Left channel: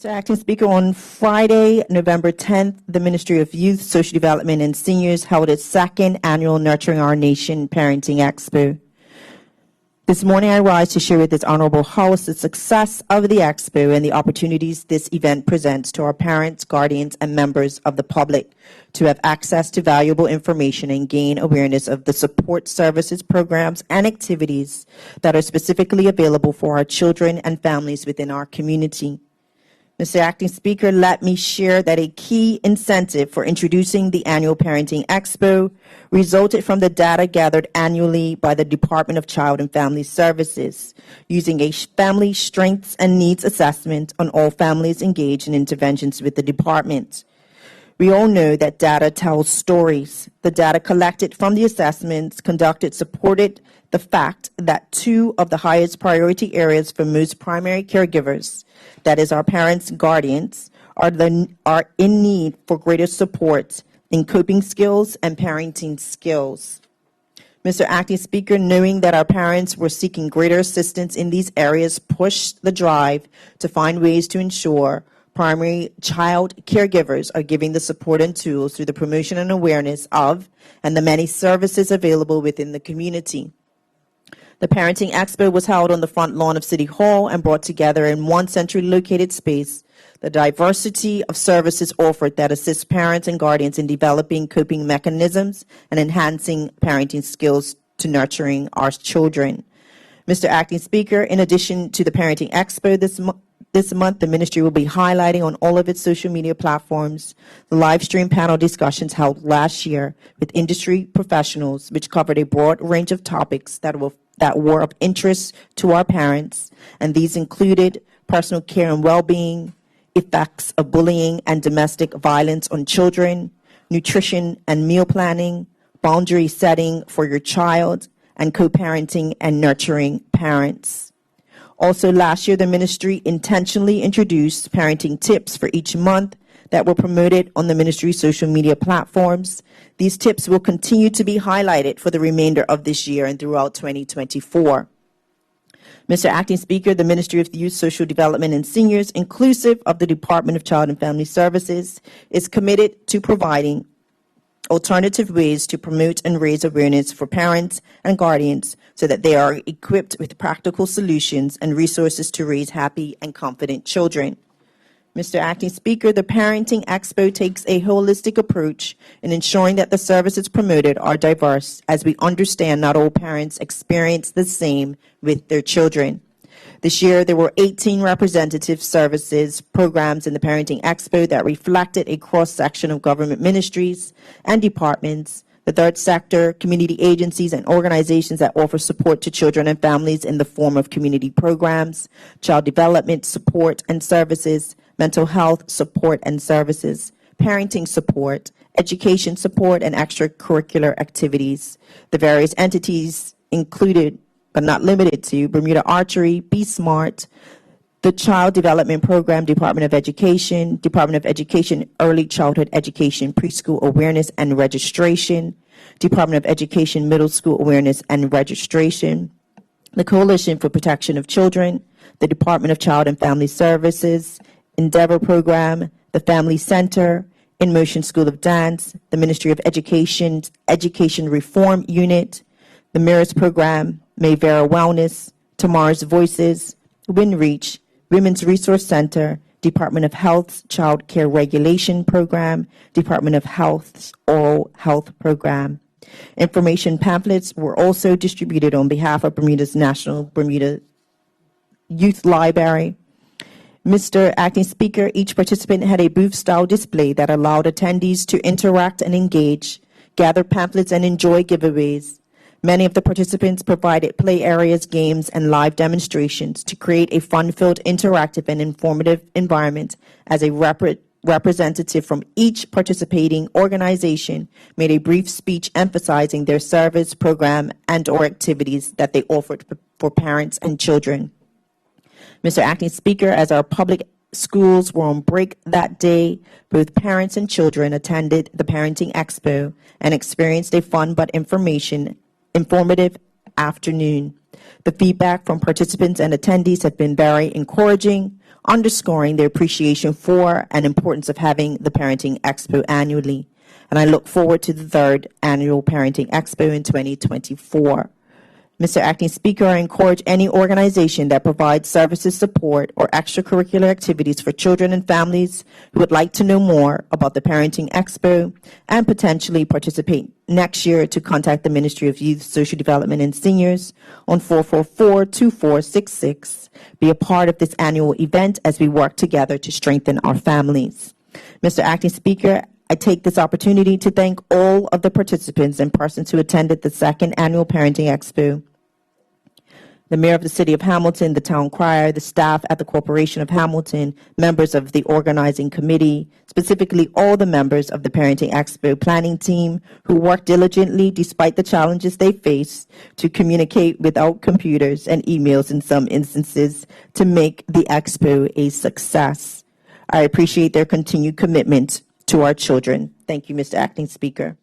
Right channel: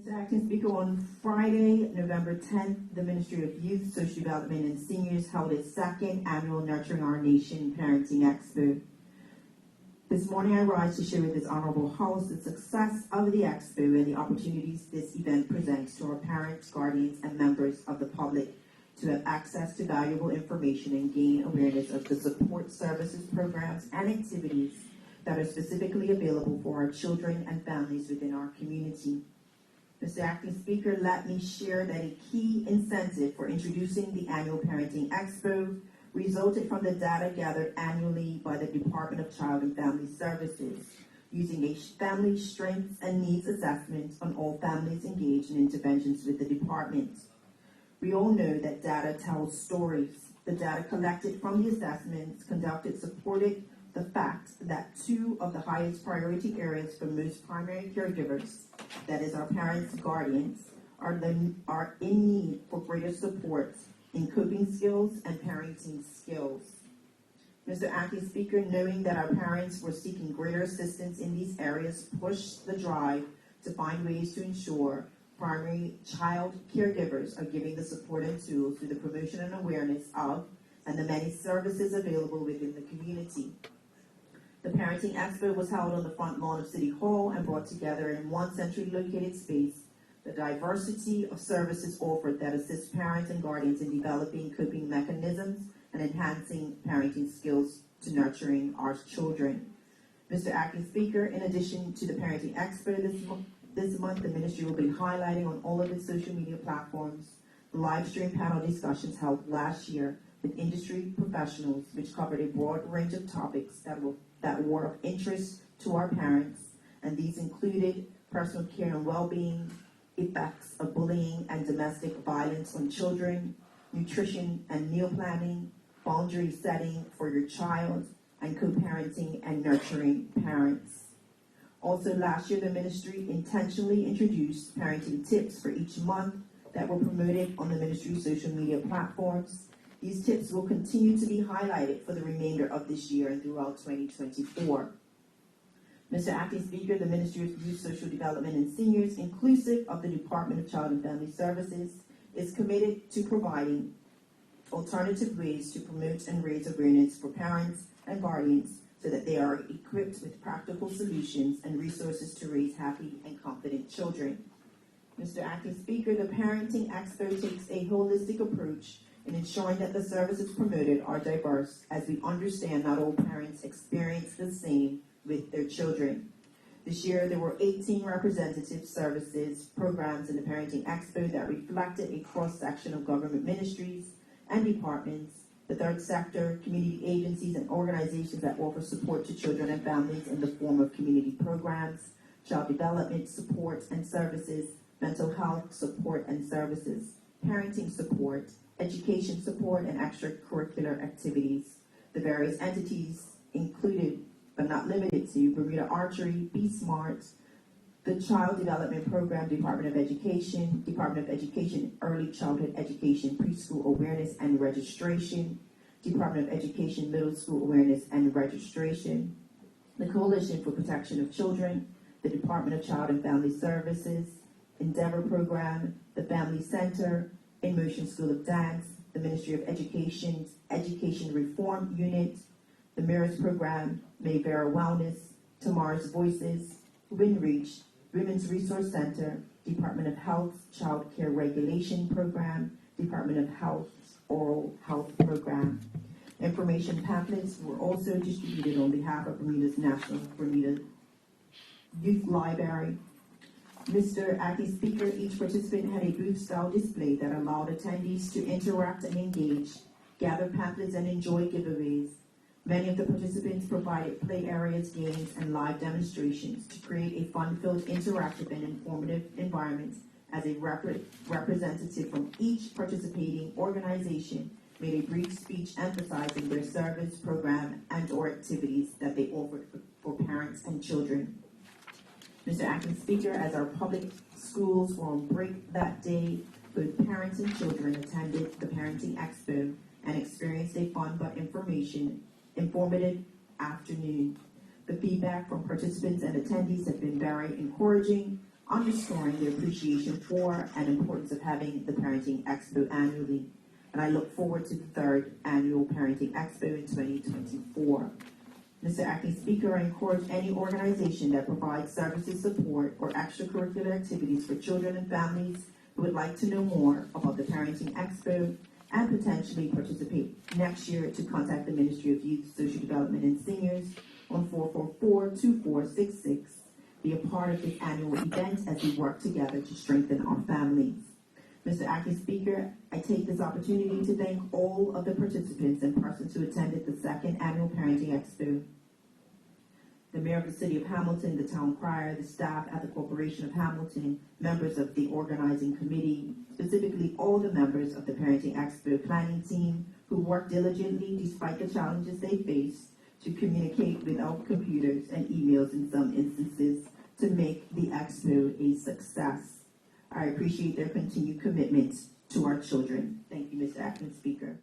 Mr. Acting Speaker, on Friday, November 10th, the Ministry of Youth, Social Development and Seniors held its second annual Nurturing Our Nation Parenting Expo. This morning, I rise to share with this honorable host the success of the Expo and the opportunities this event presents to our parents, guardians, and members of the public to have access to valuable information and gain awareness of the support services, programs, and activities that are specifically available for our children and families within our community. Mr. Acting Speaker, let me share that a key incentive for introducing the annual Parenting Expo resulted from the data gathered annually by the Department of Child and Family Services, using a family strengths and needs assessment on all families engaged in interventions with the department. We all know that data tells stories. The data collected from the assessments conducted supported the fact that two of the highest priority areas for most primary caregivers, that is our parents and guardians, are in need for greater support in coping skills and parenting skills. Mr. Acting Speaker, knowing that our parents were seeking greater assistance in these areas pushed the drive to find ways to ensure primary child caregivers are giving the support and tools through the promotion and awareness of and the many services available within the community. The Parenting Expo was held on the front lawn of City Hall and brought together in one centrally located space the diversity of services offered that assist parents and guardians in developing coping mechanisms and enhancing parenting skills to nurturing our children. Mr. Acting Speaker, in addition to the Parenting Expo this month, the ministry will be highlighting on all of its social media platforms the live stream panel discussions held last year with industry professionals, which covered a broad range of topics that were of interest to our parents, and these included personal care and well-being, effects of bullying and domestic violence on children, nutrition and meal planning, boundary setting for your child, and co-parenting and nurturing parents. Also, last year, the ministry intentionally introduced parenting tips for each month that were promoted on the ministry's social media platforms. These tips will continue to be highlighted for the remainder of this year and throughout 2024. Mr. Acting Speaker, the Ministry of Youth, Social Development and Seniors, inclusive of the Department of Child and Family Services, is committed to providing alternative ways to promote and raise awareness for parents and guardians so that they are equipped with practical solutions and resources to raise happy and confident children. Mr. Acting Speaker, the Parenting Expo takes a holistic approach in ensuring that the services promoted are diverse, as we understand not all parents experience the same with their children. This year, there were 18 representative services programs in the Parenting Expo that reflected a cross-section of government ministries and departments, the third sector, community agencies, and organizations that offer support to children and families in the form of community programs, child development support and services, mental health support and services, parenting support, education support, and extracurricular activities. The various entities included, but not limited to, Bermuda Archery, Be Smart, the Child Development Program, Department of Education Early Childhood Education, Preschool Awareness and Registration, Department of Education Middle School Awareness and Registration, the Coalition for Protection of Children, the Department of Child and Family Services, Endeavor Program, the Family Center, In Motion School of Dance, the Ministry of Education's Education Reform Unit, the Mirrors Program, Mayvera Wellness, Tomorrow's Voices, WinReach, Women's Resource Center, Department of Health's Child Care Regulation Program, Department of Health's Oral Health Program. Information pamphlets were also distributed on behalf of Bermuda's National Bermuda Youth Library. Mr. Acting Speaker, each participant had a booth-style display that allowed attendees to interact and engage, gather pamphlets, and enjoy giveaways. Many of the participants provided play areas, games, and live demonstrations to create a fun-filled, interactive, and informative environment. As a representative from each participating organization made a brief speech emphasizing their service, program, and/or activities that they offered for parents and children. Mr. Acting Speaker, as our public schools were on break that day, both parents and children attended the Parenting Expo and experienced a fun but informative afternoon. The feedback from participants and attendees have been very encouraging underscoring their appreciation for and importance of having the Parenting Expo annually. And I look forward to the third annual Parenting Expo in 2024. Mr. Acting Speaker, I encourage any organization that provides services, support, or extracurricular activities for children and families who would like to know more about the Parenting Expo and potentially participate next year to contact the Ministry of Youth, Social Development, and Seniors on 444-2466. Be a part of this annual event as we work together to strengthen our families. Mr. Acting Speaker, I take this opportunity to thank all of the participants and persons who attended the second annual Parenting Expo. The Mayor of the City of Hamilton, the Town Crier, the staff at the Corporation of Hamilton, members of the organizing committee, specifically all the members of the Parenting Expo planning team who worked diligently despite the challenges they faced to communicate without computers and emails in some instances to make the Expo a success. I appreciate their continued commitment to our children. Thank you, Mr. Acting Speaker.